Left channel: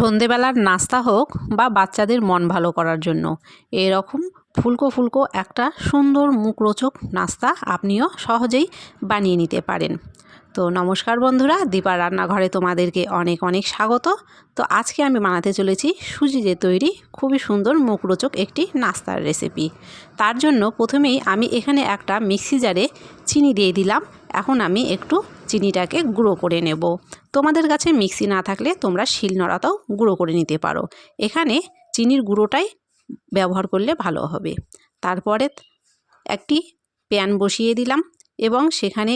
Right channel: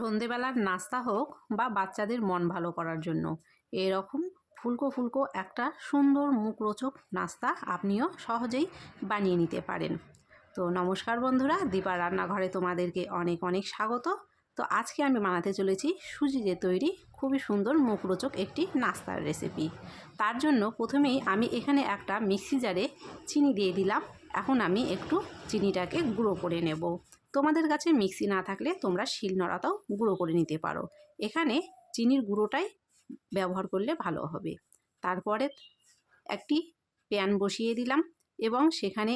সন্ধেবেলার নাস্তা হোক বা বাচ্চাদের মন ভালো করার জন্য এরকম ফুলকো ফুলকো একটা সুন্দর মুখরোচক নাস্তা আপনিও সহজেই বানিয়ে নিতে পারেন। তো নমস্কার বন্ধুরা, দীপার রান্নাঘরে তোমাদেরকে অনেক অনেক স্বাগত। তো আজকে আমি বানাতে চলেছি সুজি দিয়ে তৈরি খুবই সুন্দর মুখরোচক একটি নাস্তার রেসিপি। তার জন্য প্রথমেই আমি এখানে একটা মিক্সি জারে চিনি দিয়ে দিলাম। এখন আমি একটু চিনিটাকে গুঁড়ো করে নেব। তোমাদের কাছে মিক্সি না থাকলে তোমরা শিলনোড়াতেও গুঁড়ো করে নিতে পারো। এখানে চিনির গুঁড়োটাই ব্যবহার করলে ভালো হবে। তারপরে একটি প্যান বসিয়ে দিলাম এবং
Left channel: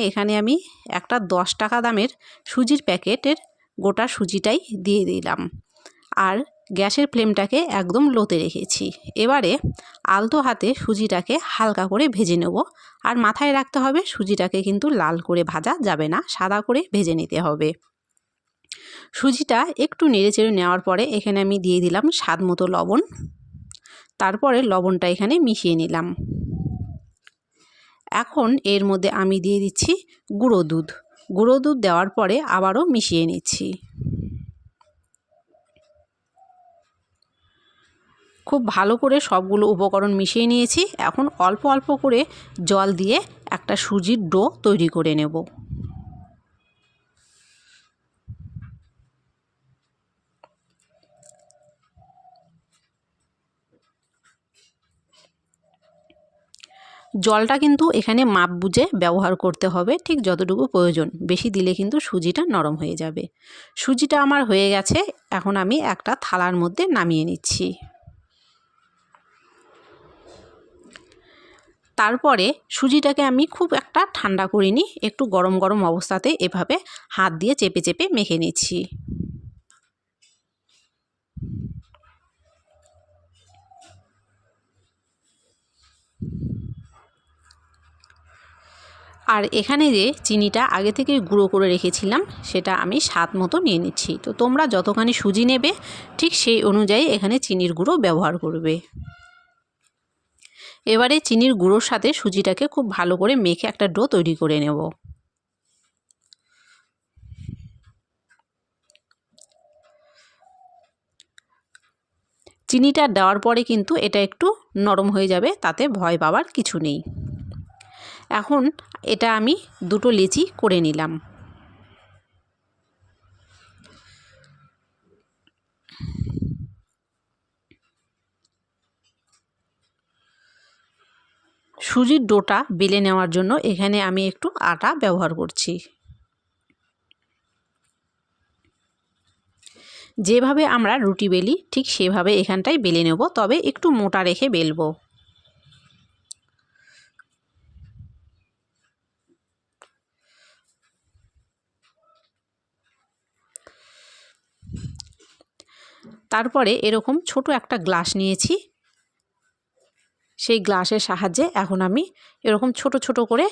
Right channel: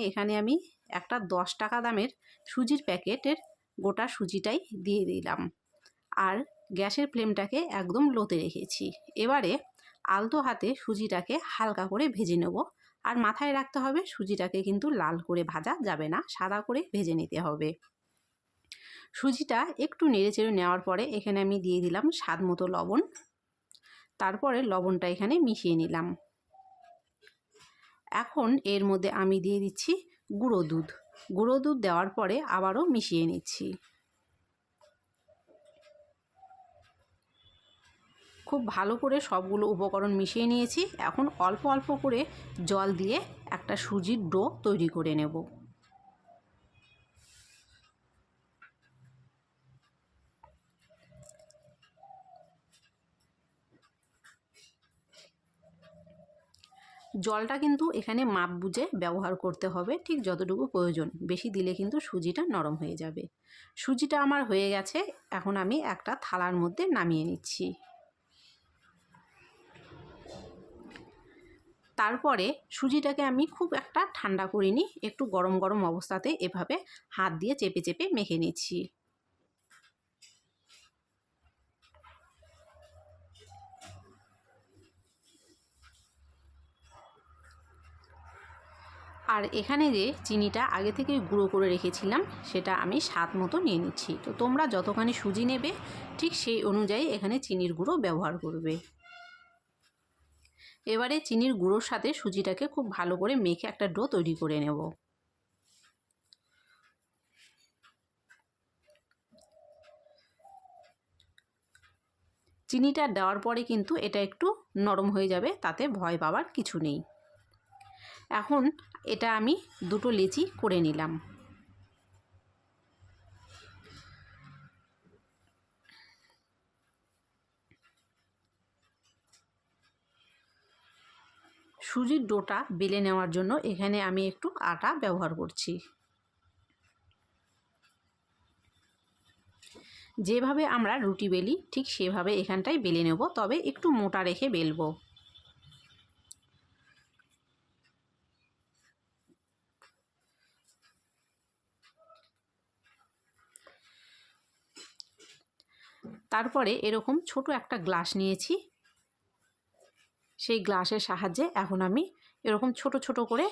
এখানে আমি একটা 10 টাকা দামের সুজির প্যাকেটের গোটা সুজিটাই দিয়ে দিলাম আর গ্যাসের ফ্লেমটাকে একদম লোতে রেখেছি। এবারে আলতো হাতে সুজিটাকে হালকা করে ভেজে নেব। আর মাথায় রাখতে হবে সুজিটাকে কিন্তু লাল করে ভাজা যাবে না, সাদা করে ভেজে নিতে হবে। সুজিটা একটু নেড়েচেড়ে নেওয়ার পরে এখানে আমি দিয়ে দিলাম স্বাদ মতো লবণ। তারপরে লবণটা এখানে মিশিয়ে নিলাম। এখন এর মধ্যে আমি দিয়ে দিচ্ছি গুঁড়ো দুধ। গুঁড়ো দুধ দেওয়ার পরে আবারও মিশিয়ে নিচ্ছি। খুব ভালো করে সবগুলো উপকরণ মিশিয়ে নিয়েছি। এখন অল্প অল্প করে জল দিয়ে একটা সুজির ডো তৈরি করে নেব। জলটা কিন্তু এখানে মাপ বুঝে ব্যবহার করতে হবে, ঠিক যতটুকু প্রয়োজন। বেশি দিলে কিন্তু সুজিটা নরম হয়ে যাবে। সুজিটা আমার হয়ে গেছে, এখন আমি একটা থালার মধ্যে নামিয়ে নিচ্ছি। তারপরে সুজিটাকে আমি খুব একটা ঠান্ডা করিনি, একটু গরম গরম অবস্থাতে এভাবে হাত দিয়ে চেপে চেপে মেখে নিচ্ছি। আর এখানে যে চিনিটা আগে থেকে গুঁড়ো করে রেখেছিলাম সেটা আমি স্বাদ মতো নিয়ে নিচ্ছি। তো তোমরা যতখানি সুজি নেবে ঠিক সেই অনুযায়ী এখানে চিনির গুঁড়ো ব্যবহার করবে। এবারে চিনির গুঁড়োর সাথে সুজিটাকে খুব ভালো করে মেখে একটা ডো তৈরি করে নেব। চিনিটা দেওয়ার পরে কিন্তু এটা একটু নরম হয়ে যাবে, তাতে ভয় পাওয়ার কিছু নেই। এখন এটা আমি দুটো লেচি করে নিলাম। সুজির ডোটা বেলে নেওয়ার জন্য এখানে আমি একটু আটা ব্যবহার করছি। যেভাবে আমরা রুটি বেলি ঠিক সেভাবে এখানটায় বেলে নেব, তবে একটু মোটা রেখে বেলবো। তারপরে এরকম ছোট একটা গ্লাস নিয়েছি। সেই গ্লাসের সাহায্যে এখন আমি এরকম ছোট ছোট করে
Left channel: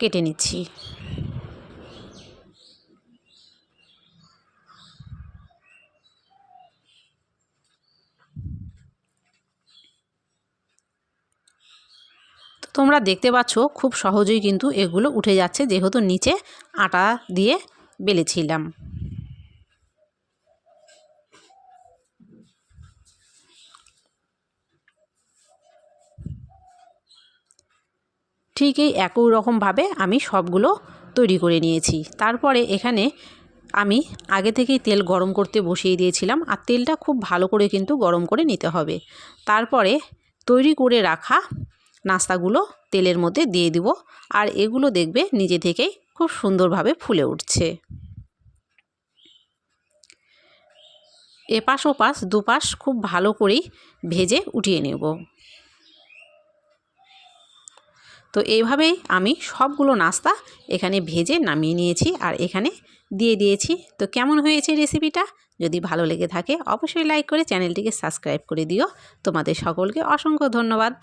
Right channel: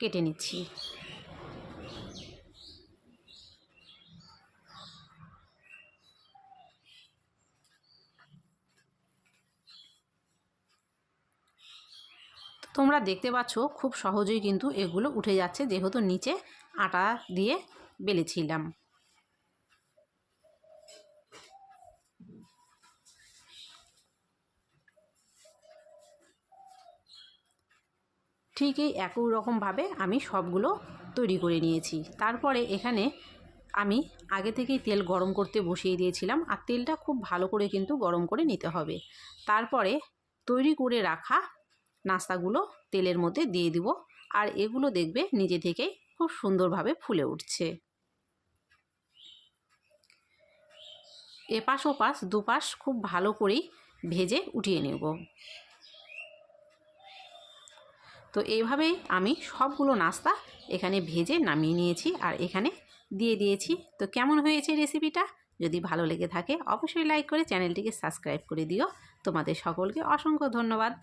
কেটে নিচ্ছি। তোমরা দেখতে পাচ্ছ খুব সহজেই কিন্তু এগুলো উঠে যাচ্ছে, যেহেতু নিচে আটা দিয়ে বেলেছিলাম। ঠিক এই একই রকমভাবে আমি সবগুলো তৈরি করে নিয়েছি। তারপরে এখানে আমি আগে থেকেই তেল গরম করতে বসিয়ে দিয়েছিলাম, আর তেলটা খুব ভালো করে কিন্তু গরম করে নিতে হবে। তারপরে তৈরি করে রাখা নাস্তাগুলো তেলের মধ্যে দিয়ে দিব, আর এগুলো দেখবে নিজে থেকেই খুব সুন্দরভাবে ফুলে উঠছে। এপাশ ওপাশ দুপাশ খুব ভালো করেই ভেজে উঠিয়ে নেব। তো এইভাবেই আমি সবগুলো নাস্তা এখানে ভেজে নামিয়ে নিয়েছি আর এখানে দিয়ে দিয়েছি। তো কেমন হয়েছে রেসিপিটা? যদি ভালো লেগে থাকে অবশ্যই লাইক করে চ্যানেলটিকে সাবস্ক্রাইব করে দিও। তোমাদের সকলকে অসংখ্য ধন্যবাদ।